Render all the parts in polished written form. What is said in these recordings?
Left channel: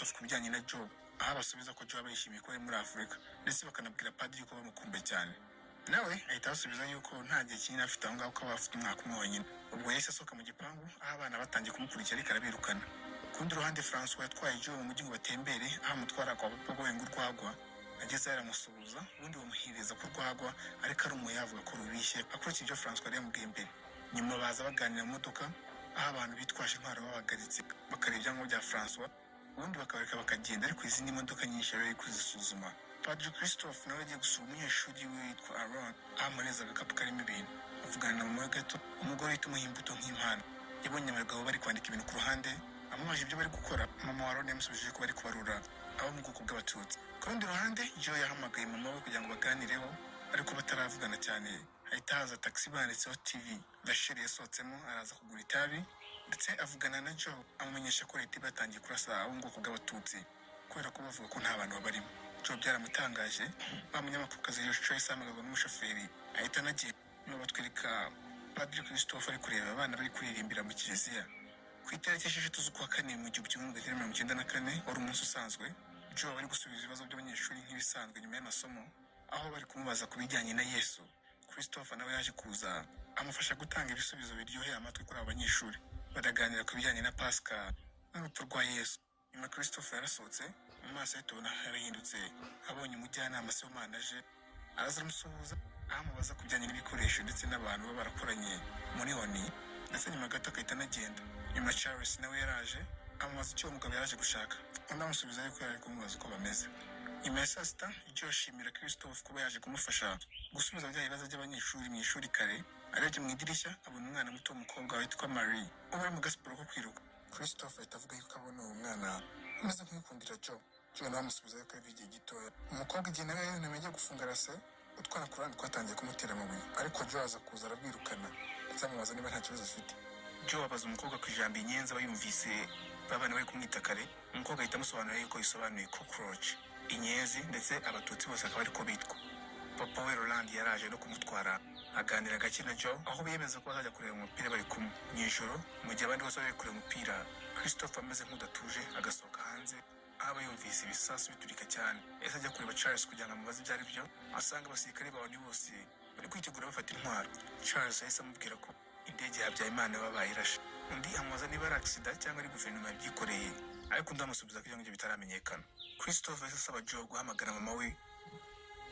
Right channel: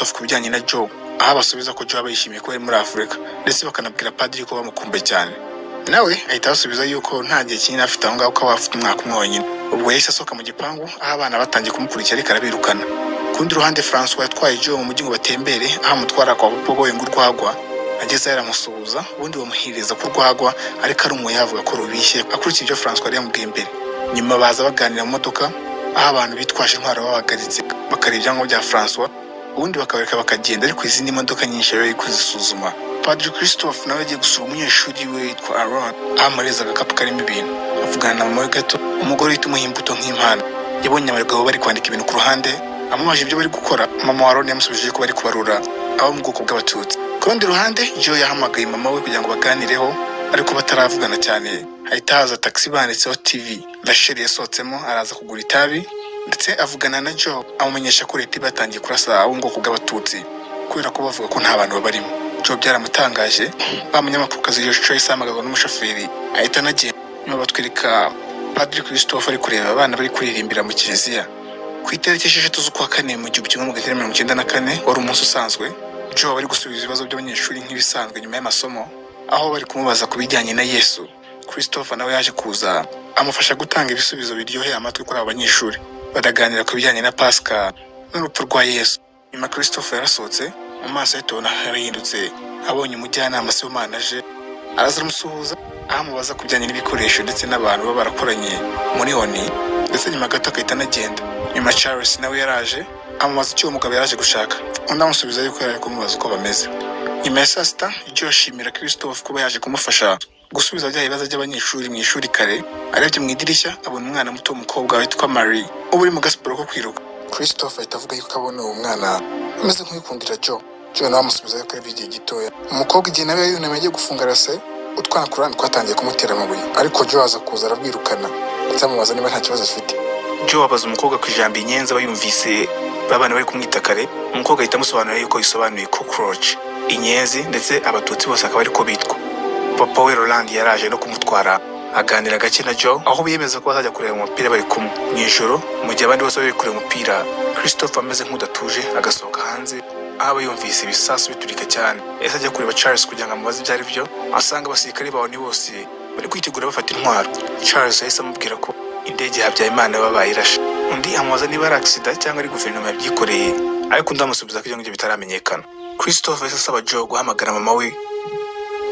Christophe ku bijyanye na Joe, aho basubiza ko Joe aba yishimiye kuba ari muri Afurika ndetse bakanabwira padiri ko bamukumbuye cyane. Nawe ahita basubiza yuko nta gihe kinini afite aho ngaho, ko afite umwaka umwe wonyine. Ubwo yahise asohoka mu gipangu aho abana batangiye kumukurikira ariko arabirukana. Ku rundi ruhande François yatwaye Joe mu mujyi ngo batembere, aho amutwara kwa papa we ngo urwagwa. Ageze aramusuhuza ubundi bamuhiriza ku rwagwa, ariko ari umuye avuga ko rubishye akurikije ibyo François yari yamubwiye mbere. Nyuma baza baganira mu modoka aho abantu bitwaje intwaro babahagaritse bakareba ibyangombwa bya François, ubundi bakabareka bakagenda, ariko izindi modoka nyinshi bari kuzisuzuma. Padiri Christophe nawe agiye gusura umunyeshuri we witwa Aaron, aho amureza agakapu karimo ibintu. Avugana na mama we gato, umugore uhita umuha imbuto nk'impano. Yabonye abagabo bari kwandika ibintu ku ruhande, amubaje ibyo bari gukora. Mama wa Aaron yamusubije ko bari kubarura abo mu bwoko bw'Abatutsi. Ku rundi ruhande Joe yahamagaye mama we kugira ngo baganireho, ariko bataravugana cyane. Hahita haza taxi banditseho TV. Rachel yasohotsemo araza kugura itabi, ndetse avugana na Joe amumenyesha ko leta batangiye kurasa abo mu bwoko bw'Abatutsi kubera ko bavuga ko nta bantu babarimo. Joe byaramutangaje. Wa munyamakurukazi Joyce ahamagazwa n'umushoferi ahita anagenda. Nyuma batwereka Padiri Christophe ari kureba abana bari kuririmbira mu kiliziya. Ku itariki 6 z'ukwa kane mu 1994 wari umunsi usanzwe. Joe bari gusubiza ibibazo by'abanyeshuri nk'ibisanzwe nyuma y'amasomo, aho bari kumubaza ku bijyanye na Yesu. Christophe nawe yaje kuza amufasha gutanga ibisubizo biryoheye amatwi kuri abo banyeshuri. Baraganira ku bijyanye na Pasika n'urupfu rwa Yesu. Nyuma Christophe yarasohotse, mu maso ye tubona harahindutse. Abonye umujyanama se w'Imana aje, araza aramusuhuza amubaza ku bijyanye n'ibikoresho ndetse n'abantu baba barakoranye muri Oni, ndetse nyuma gato akahita anagenda. Nyuma Charles nawe yaraje amubaza icyo uwo mugabo yaraje gushaka, undi amusubiza yuko yari kumubaza uko bameze. Nyuma ya saa sita Joe ashimira Christophe kuba yaje kumufasha gusubiza bya bibazo by'abanyeshuri mu ishuri kare. Arebye mu idirishya abona umwana muto w'umukobwa witwa Marie uba uri mu gasiporo ko kwiruka. Christophe ahita avuga yuko abona uwo mwana ameze nk'uyikundira Joe. Joe nawe amusubiza yuko ari igihe gitoya. Umukobwa igihe nawe yunamye agiye gufunga rase, utwana ku ruhande twatangiye kumutera amabuye, ariko Joe aza kuza arabwirukana ndetse amubaza niba nta kibazo afite. Joe abaza umukobwa ku ijambo inyenzi aba yumvise babana bari kumwita kare. Umukobwa ahita amusobanurira yuko isobanuye cockroach, inyenzi, ndetse Abatutsi bose akaba ariko bitwa. Papa we Roland yaraje no kumutwara aganira gake na Joe, aho biyemeza ko bazajya kureba umupira bari kumwe mu ijoro. Mu gihe abandi bose bari kureba umupira, Christophe ameze nk'udatuje agasohoka hanze, aho yumvise ibisasu biturika cyane. Yahise ajya kureba Charles kugira ngo amubaze ibyo ari byo, asanga abasirikare bawo ni bose bari kwitegura bafata intwaro. Charles yahise amubwira ko indege Habyarimana babaye irashe. Undi amubaza niba ari accident cyangwa ari guverinoma yabyikoreye, ariko undi amusubiza ko ibyo ngibyo bitaramenyekana. Christophe yahise asaba Joe guhamagara mama we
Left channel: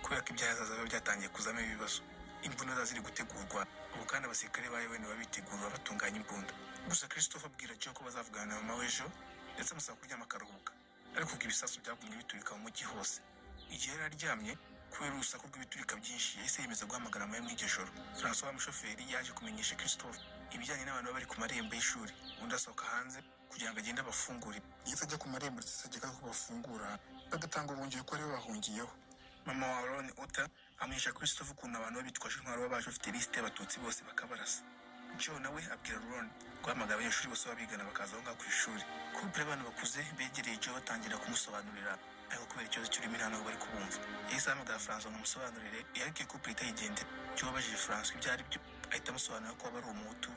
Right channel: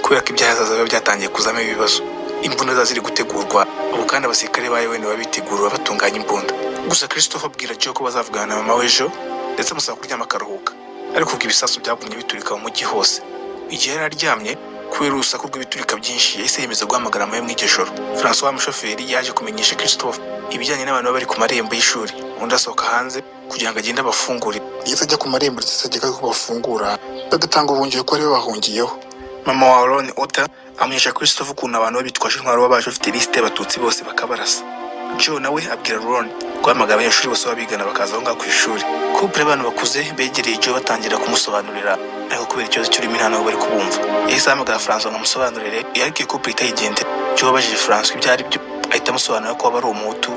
kubera ko ibyahazaza biba byatangiye kuzamo ibibazo. Imbunda za ziri gutegurwa, ubu kandi abasirikare bayo we babitegura batunganya imbunda. Gusa Christophe abwira Joe ko bazavugana na mama we ejo, ndetse amusaba kuryama akaruhuka, ariko ubwo ibisasu byagumye biturika mu mujyi hose. Igihe yari aryamye kubera urusaku rw'ibiturika byinshi, yahise yemeza guhamagara mama we mu ijoro. François umushoferi yaje kumenyesha Christophe ibijyanye n'abantu bari ku marembo y'ishuri. Undi asohoka hanze kugira ngo agende abafungure. Yahise ajya ku marembo ndetse ageka ko bafungura bagatanga ubuhungiro ko aribo bahungiyeho. Mama wa Aaron Ota amenyesha Christophe ukuntu abantu babitwaje intwaro baba baje bafite lisite y'Abatutsi bose bakabarasa. Joe nawe abwira Aaron guhamagara abanyeshuri bose babigana bakaza aho ngaho ku ishuri. Couple abantu bakuze begereye Joe batangira kumusobanurira, ariko kubera ikibazo cy'ururimi nta nubwo bari kubumva. Yahise ahamagara François ngo amusobanurire, ariko iyo couple itayigendera. Joe abajije François ibyo ari byo, ahita amusobanurira ko aba ari umuhutu,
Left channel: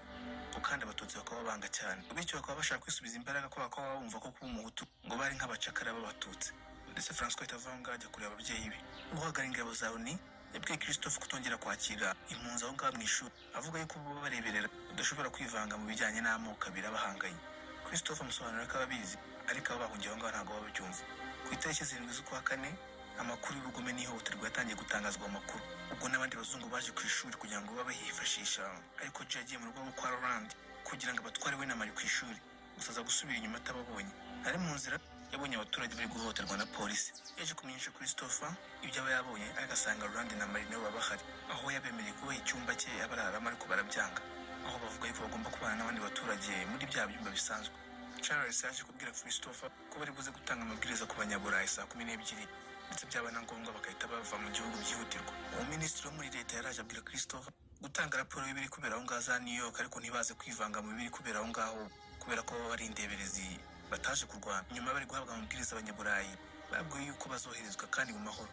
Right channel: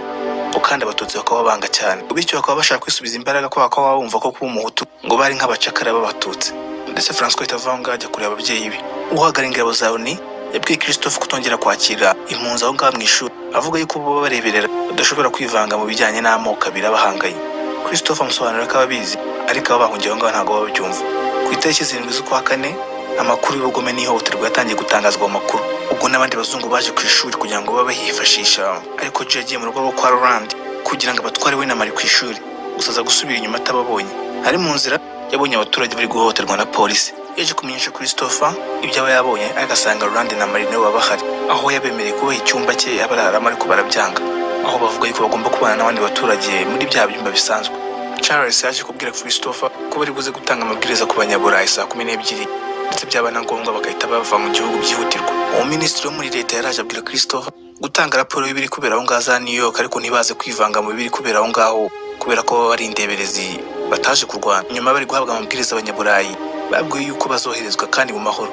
kandi Abatutsi bakaba banga cyane, bityo bakaba bashaka kwisubiza imbaraga ko bakaba bumva ko kuba umuhutu ngo bari nk'abacakara b'Abatutsi. Ndetse François ahita avuga ngo ajya kureba ababyeyi be. Uhagarariye ingabo za Oni yabwiye Christophe kutongera kwakira impunzi aho ngaho mu ishuri, avuga yuko bo bareberera badashobora kwivanga mu bijyanye n'amoko abiri abahanganye. Christophe amusobanurira ko ababizi, ariko abo bahungiye aho ngaho ntabwo babyumva. Ku itariki 7 z'ukwa kane amakuru y'ubugome n'ihohoterwa yatangiye gutangazwa mu makuru. Ubwo n'abandi bazungu baje ku ishuri kugira ngo babe bahifashisha, ariko Joe yagiye mu rugo rwo kwa Roland kugira ngo abatware we na Marie ku ishuri. Gusa aza gusubira inyuma atababonye. Ari mu nzira yabonye abaturage bari guhohoterwa na polisi. Yaje kumenyesha Christophe ibyo aba yabonye, agasanga Roland na Marie nabo bahari, aho yabemereye kubaha icyumba cye abararamo, ariko barabyanga, aho bavuga yuko bagomba kubana n'abandi baturage muri bya byumba bisanzwe. Charles yaje kubwira Christophe ko bari buze gutanga amabwiriza ku banyaburayi saa 12, ndetse byaba na ngombwa bagahita bava mu gihugu byihutirwa. Uwo minisitiri wo muri leta yaraje abwira Christophe gutanga raporo y'ibiri kubera aho ngaho za New York, ariko ntibaze kwivanga mu biri kubera aho ngaho kubera ko bari indeberezi bataje kurwana. Nyuma bari guhabwa amabwiriza abanyaburayi babwiye yuko bazoherezwa kandi mu mahoro.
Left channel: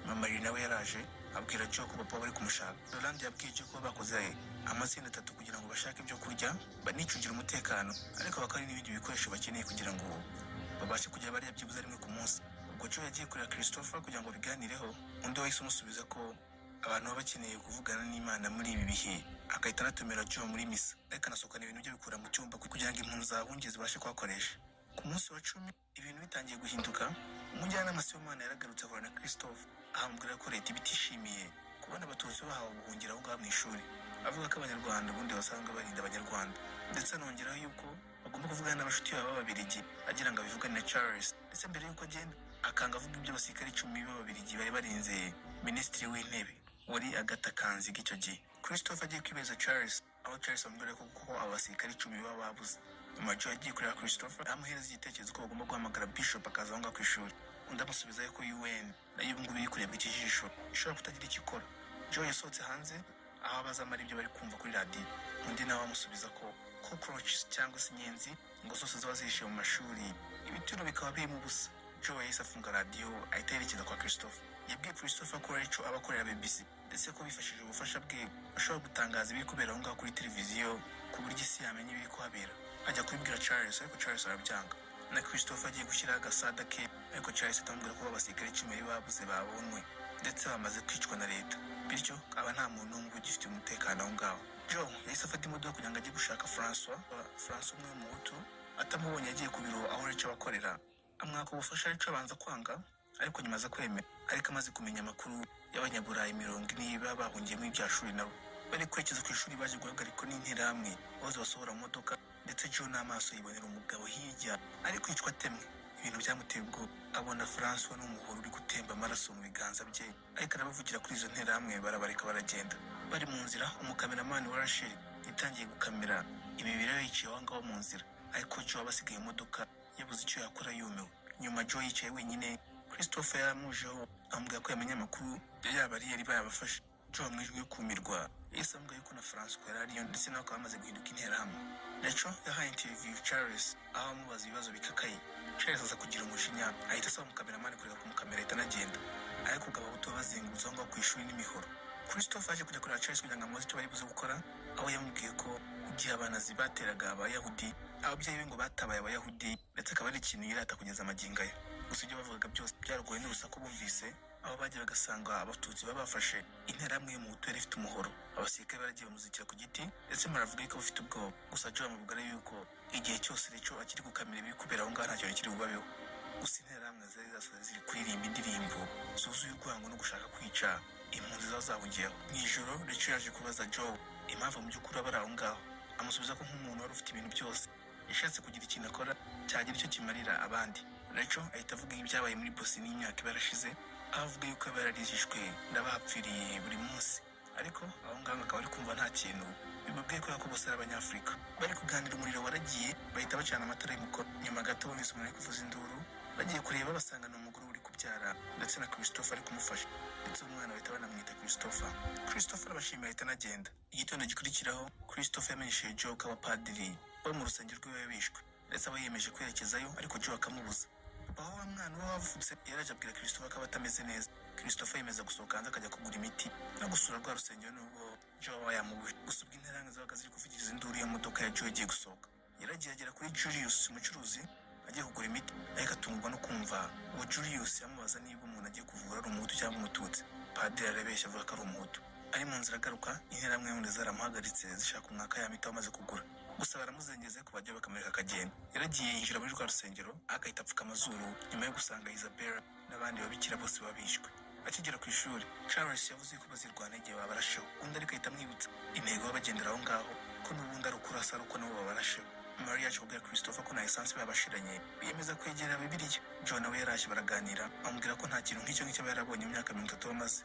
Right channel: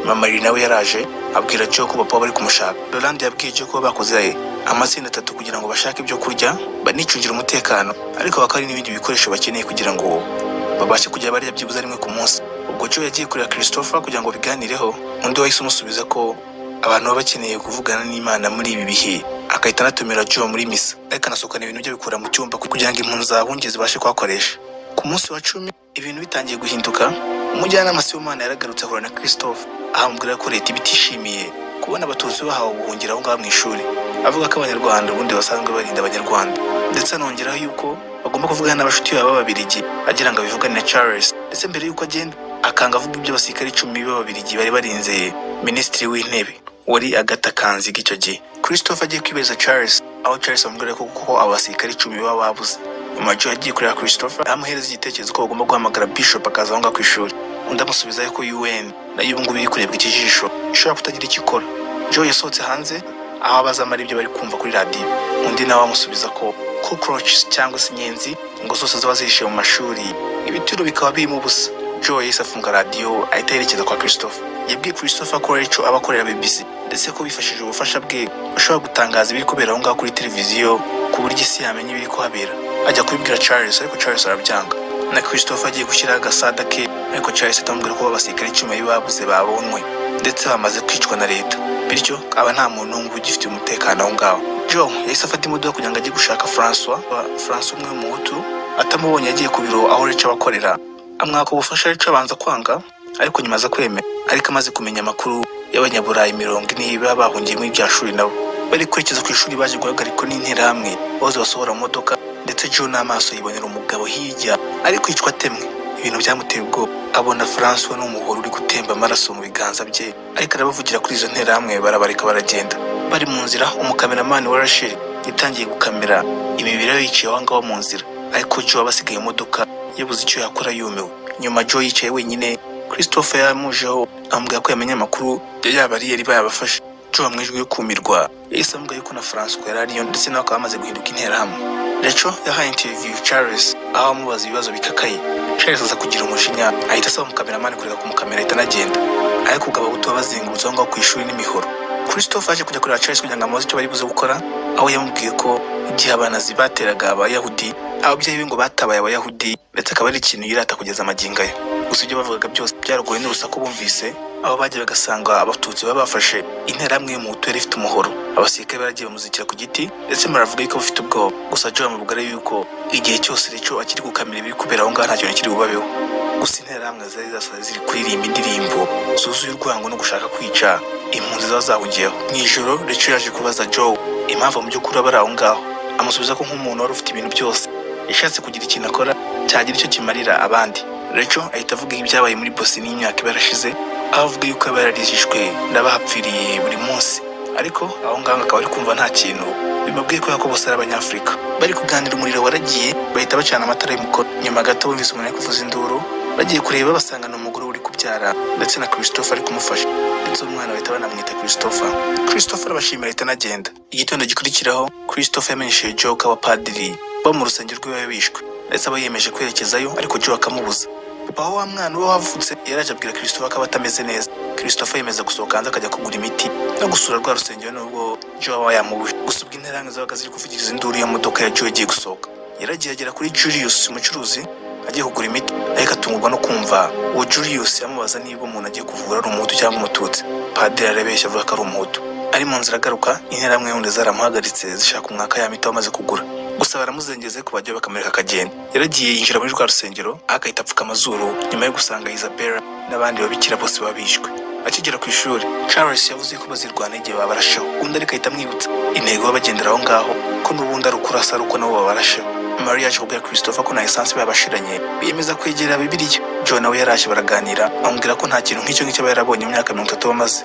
Mama Marie nawe yaraje abwira Joe ko papa bari kumushaka. Roland yabwiye Joe ko bakoze amatsinda 3 kugira ngo bashake ibyo kurya banicungira umutekano, ariko bakari n'ibindi bikoresho bakeneye kugira ngo babashe kujya barya byibuze rimwe ku munsi. Ubwo Joe yagiye kureba Christopher kugira ngo biganireho, undi wahise umusubiza ko abantu baba bakeneye kuvugana n'Imana muri ibi bihe, akahita anatumira Joe muri misa, ariko anasohokana ibintu bye bikura mu cyumba kugira ngo impunzi z'abahungizi zibashe kuhakoresha. Ku munsi wa 10 ibintu bitangiye guhinduka, umujyanama Sibomana yaragarutse ahura na Christopher, ahamubwira ko leta ibitishimiye kubona abatutsi bahawe ubuhungiro aho ngaho mu ishuri, avuga ko abanyarwanda ubundi basanzwe barinda abanyarwanda, ndetse anongeraho yuko bagomba kuvugana n'abashuti babo b'Ababiligi agira ngo abivugane na Charles, ndetse mbere yuko agenda akanga avuga ibyo abasirikare 10 b'Ababiligi bari barinze Minisitiri w'Intebe wari Agatha Kanziga icyo gihe. Christopher agiye kwibeza Charles, aho Charles amubwira ko kuko abasirikare 10 baba babuze. Joe yagiye kureba Christopher amuhereza igitekerezo ko bagomba guhamagara Bishop akaza aho ngaho ku ishuri, undi amusubiza ko UN nayo ubu ngubu iri kurebwa ikijisho ishobora kutagira icyo ikora. Joe yasohotse hanze aho abazamara ibyo bari kumva kuri radio, undi nawe amusubiza ko cockroaches cyangwa se inyenzi ngo zose zaba zihishe mu mashuri, ibitiro bikaba birimo ubusa. Joe yahise afunga radio ahita yerekeza kwa Christopher. Yabwiye Christopher ko Rachel abakorera BBC, ndetse ko bifashije ubufasha bwe bashobora gutangaza ibiri kubera aho ngaho kuri televiziyo ku buryo isi yamenye ibiri kuhabera. Ajya kubibwira Charles, ariko Charles arabyanga. Na Christopher agiye gushyira agasada ke, ariko Charles atamubwira ko abasirikare 10 babuze babonwe ndetse bamaze kwicwa na leta, bityo aba nta muntu n'umwe ugifite umutekano aho ngaho. Joe yahise afata imodoka kugira ngo ajye gushaka François umwe mu Hutu, atamubonye yagiye ku biro aho Rachel abakorera, amwaka ubufasha. Rachel abanza kwanga, ariko nyuma aza kwemera, ariko amaze kumenya amakuru y'abanyaburayi 40 baba bahungiye muri bya shuri nabo bari kwerekeza ku ishuri, baje guhagarikwa n'interahamwe bose basohora mu modoka, ndetse Joe n'amaso yibonera umugabo hirya ari kwicwa atemwe. Ibintu byamuteye ubwoba, abona François n'umuhoro uri gutemba amaraso mu biganza bye, ariko arabavugira kuri izo nterahamwe barabareka baragenda. Bari mu nzira, umukameramani wa Rachel yatangiye gukamera imibiri yicaye aho ngaho mu nzira, ariko Joe abasigaye mu modoka yabuze icyo yakora yumiwe. Nyuma Joe yicaye wenyine, Christopher yamujeho amubwira ko yamenye amakuru yaba ari yari bayabafashe. Joe amwijwe yo kumirwa yahise amubwira yuko na François yari ariyo, ndetse nawe akaba amaze guhinduka interahamwe. Rachel yahaye interview Charles aho amubaza ibibazo bikakaye. Charles aza kugira umujinya ahita asaba umukameramani kureka kumukamera ahita anagenda, ariko ubwo abahutu babazengurutse aho ngaho ku ishuri n'imihoro. Christopher aje kujya kureba Charles kugira ngo amubaze icyo bari buze gukora, aho yamubwiye ko igihe abanazi bateraga Abayahudi, ababyeyi be ngo batabaye Abayahudi, ndetse akaba ari ikintu yirata kugeza amagingo ye. Gusa ibyo bavugaga byose byaragoye n'urusaku bumvise, aho bagiye bagasanga abatutsi baba bafashe interahamwe mu Hutu yari ifite umuhoro. Abasirikare baragiye bamuzikira ku giti, ndetse baravuga yuko bafite ubwoba. Gusa Joe amubwira yuko igihe cyose Rachel akiri gukamera ibiri kubera aho ngaho nta kintu kiri bubabeho. Gusa interahamwe zari zasaze ziri kuririmba indirimbo zuzuye urwango no gushaka kwica impunzi zaba zahungiyeho. Mu ijoro Rachel yaje kubaza Joe impamvu mu by'ukuri aba ari aho ngaho, amusubiza ko nk'umuntu wari ufite ibintu byose yashatse kugira ikintu akora cyagira icyo kimarira abandi. Rachel ahita avuga ibyabaye muri Bosnia n'imyaka barashize, aho avuga yuko yaba yararijishwe n'abahapfiriye buri munsi, ariko aho ngaho akaba ari kumva nta kintu bimubwiye ko bose ari Abanyafurika. Bari kuganira, umuriro waragiye bahita bacana amatara y'umukoro. Nyuma gato bumvise umuntu ari kuvuza induru, bagiye kureba basanga ni umugore uri kubyara, ndetse na Christopher ari kumufasha, ndetse umwana bahita banamwita Christopher. Christopher abashimira ahita anagenda. Igitondo gikurikiraho Christopher yamenyesheje Joe ko abapadiri bo mu rusengero rwe bishwe, ndetse aba yemeje kwerekezayo, ariko Joe akamubuza. Papa wa mwana we wavutse yaraje abwira Christopher ko atameze neza. Christopher yemeza gusohoka hanze akajya kugura imiti no gusura rwa rusengero, nubwo Joe aba yamubuje. Gusa ubwo interahamwe zabaga ziri kuvugiriza induru ya modoka ya Joe igiye gusohoka, yaragiye agera kuri Julius umucuruzi agiye kugura imiti, ariko atungurwa no kumva uwo Julius yamubaza niba umuntu agiye kuvura ari Umuhutu cyangwa Umututsi. Padiri arabeshya avuga ko ari Umuhutu. Ari mu nzira agaruka, interahamwe y'undi zaramuhagaritse zishaka umwaka ya miti amaze kugura. Gusa baramuzengeze ku bajya bakamureka akagenda. Yaragiye yinjira muri rwa rusengero, akahita apfuka amazuru nyuma yo gusanga Isabella n'abandi babikira bose babishwe. Akigera ku ishuri, Charles yavuze ko bazirwana igihe babarasheho, undi ariko ahita amwibutsa intego babagendera aho ngaho ko n'ubundi ari ukurasa ari uko nabo babarasheho. Maria yaje kubwira Christopher ko na essence babashiranye, biyemeza kwegera Bibiliya. Joe nawe yaraje baraganira, amubwira ko nta kintu nk'icyo ngicyo yarabonye mu myaka 30 bamaze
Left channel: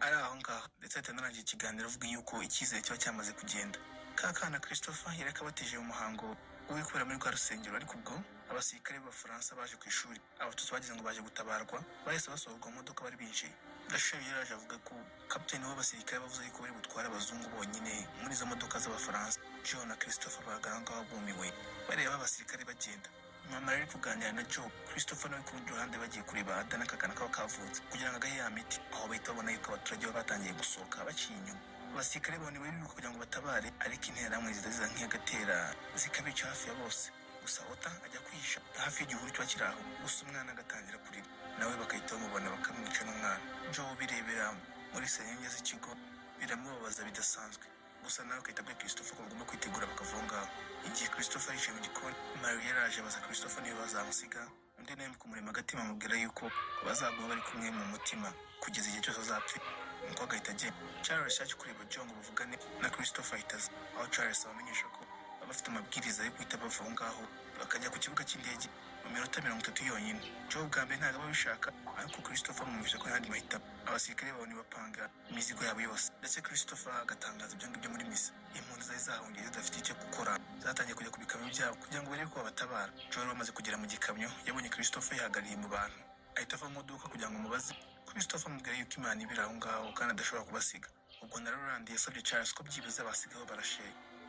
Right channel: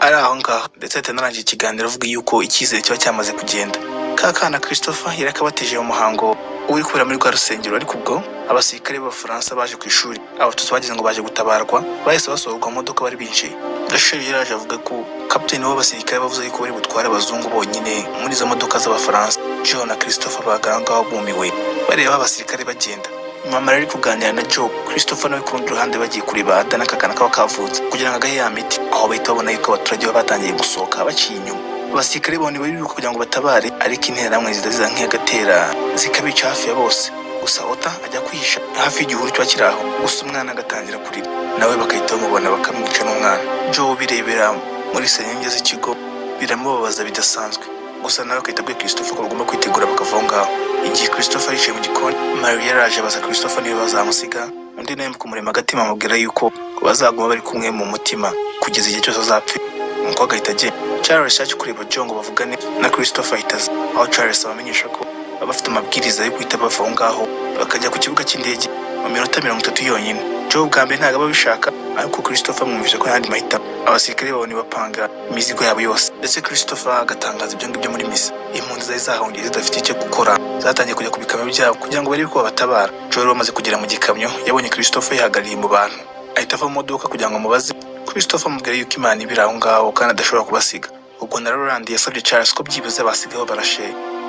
ari aho ngaho, ndetse atanarangiye ikiganiro avuga yuko icyizere kiba cyamaze kugenda. Kakana Christopher yarakabateje mu muhango uri kubera muri rwa rusengero, ariko ubwo abasirikare b'Abafaransa baje ku ishuri, abatutsi bagize ngo baje gutabarwa, bahise basohorwa mu modoka bari binjiye. Rachel yaraje avuga ko kapiteni w'abasirikare bavuze yuko bari butware abazungu bonyine muri izo modoka z'Abafaransa. Joe na Christopher bagangaho bumiwe bareba abasirikare bagenda. Mama ari kuganira na Joe, Christopher nawe ku rundi ruhande bagiye kureba Ada n'akakana kaba kavutse kugira ngo agahe ya miti, aho bahita babona yuko abaturage baba batangiye gusohoka baciye inyuma. Abasirikare bone bariruka kugira ngo batabare, ariko interahamwe ziza nk'agatera zikabica hafi ya bose. gusa Ota ajya kwihisha hafi y'igihuru kiba kiri aho, gusa umwana agatangira kurira nawe bagahita bamubona bakamwica n'umwana. Joe birebera muri senyenge z'ikigo biramubabaza bidasanzwe, gusa nawe agahita abwira Christopher ko bagomba kwitegura bakava aho ngaho. Igihe Christopher yicaye mu gikoni, Mary yaraje abaza Christopher niba bazamusiga, undi nawe mu kumurema agatima amubwira yuko bazaguma bari kumwe mu mutima kugeza igihe cyose azapfa. Nuko agahita agenda. Charles yaje kureba Joe ngo bavugane na Christopher ahita aza, aho Charles abamenyesha ko baba bafite amabwiriza yo guhita bava aho ngaho bakajya ku kibuga cy'indege mu minota 30 yonyine. Joe bwa mbere ntabwo aba abishaka, ariko Christopher amwumvise ko yandi mahitamo. Abasirikare babona bapanga imizigo yabo yose, ndetse Christopher agatangaza ibyo ngibyo muri misa. Impunzi zari zahungiye zidafite icyo gukora zatangiye kujya ku bikamyo byabo kugira ngo barebe ko babatabara. Joe bamaze kugera mu gikamyo yabonye Christopher yihagarariye mu bantu, ahita ava mu modoka kugira ngo amubaze. Christopher amubwira yuko Imana ibiri aho ngaho kandi adashobora kubasiga. Ubwo na Roland yasabye Charles ko byibuze basigaho barashe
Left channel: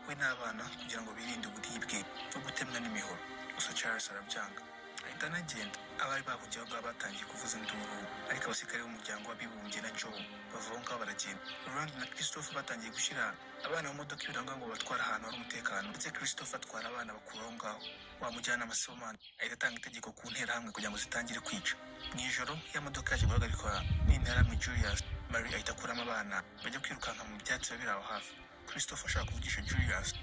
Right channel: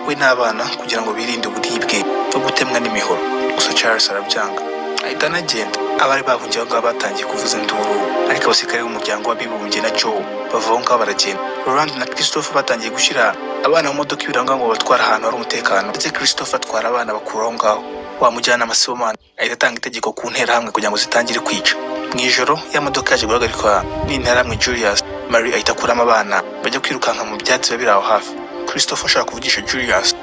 we n'abana kugira ngo birinde uburibwe no gutemwa n'imihoro, gusa Charles arabyanga ahita anagenda. Abari bahungiye aho ngaho batangiye kuvuza induru, ariko abasirikare b'umuryango w'abibumbye na Joe bava aho ngaho baragenda. Roland na Christopher batangiye gushyira abana mu modoka ibiranga ngo batware ahantu hari umutekano, ndetse Christopher atwara abana bakura aho ngaho. Wa mujyanama Sibomana ahita atanga itegeko ku nterahamwe kugira ngo zitangire kwica. Mu ijoro ya modoka yaje guhagarikwa n'interahamwe Julius. Mary ahita akuramo abana bajya kwirukanka mu byatsi biba biri aho hafi. Christopher ashaka kuvugisha Julius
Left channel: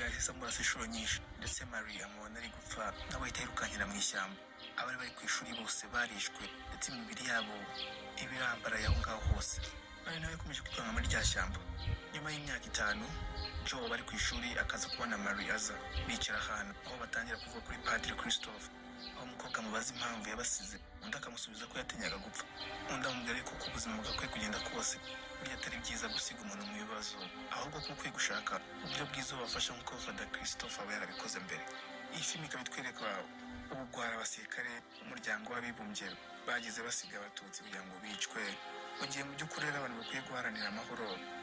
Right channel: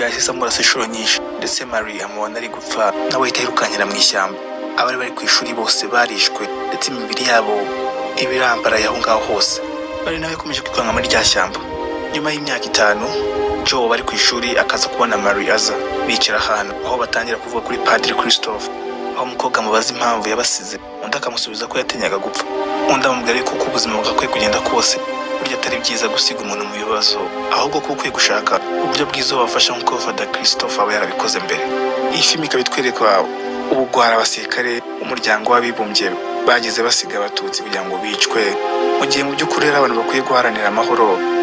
yahise amurasa inshuro nyinshi, ndetse Mary amubona ari gupfa nawe ahita yirukankira mu ishyamba. Abari bari ku ishuri bose barishwe, ndetse imibiri yabo ibirambaraye aho ngaho hose. Mary nawe yakomeje kwirukanka muri rya shyamba. Nyuma y'imyaka 5 Joe bari ku ishuri akaza kubona Mary aza, bicara ahantu aho batangira kuvuga kuri Padiri Christopher, aho umukobwa amubaza impamvu yabasize, undi akamusubiza ko yatinyaga gupfa. Undi amubwira ko ubuzima bwakwiye kugenda kose burya atari byiza gusiga umuntu mu bibazo, ahubwo ko ukwiye gushaka uburyo bwiza wabafasha nk'uko Father Christopher aba yarabikoze mbere. Iyi filimi ikaba itwereka ubugwara abasirikare umuryango w'abibumbye bagize basiga abatutsi kugira ngo bicwe, mu gihe mu by'ukuri ari abantu bakwiye guharanira amahoro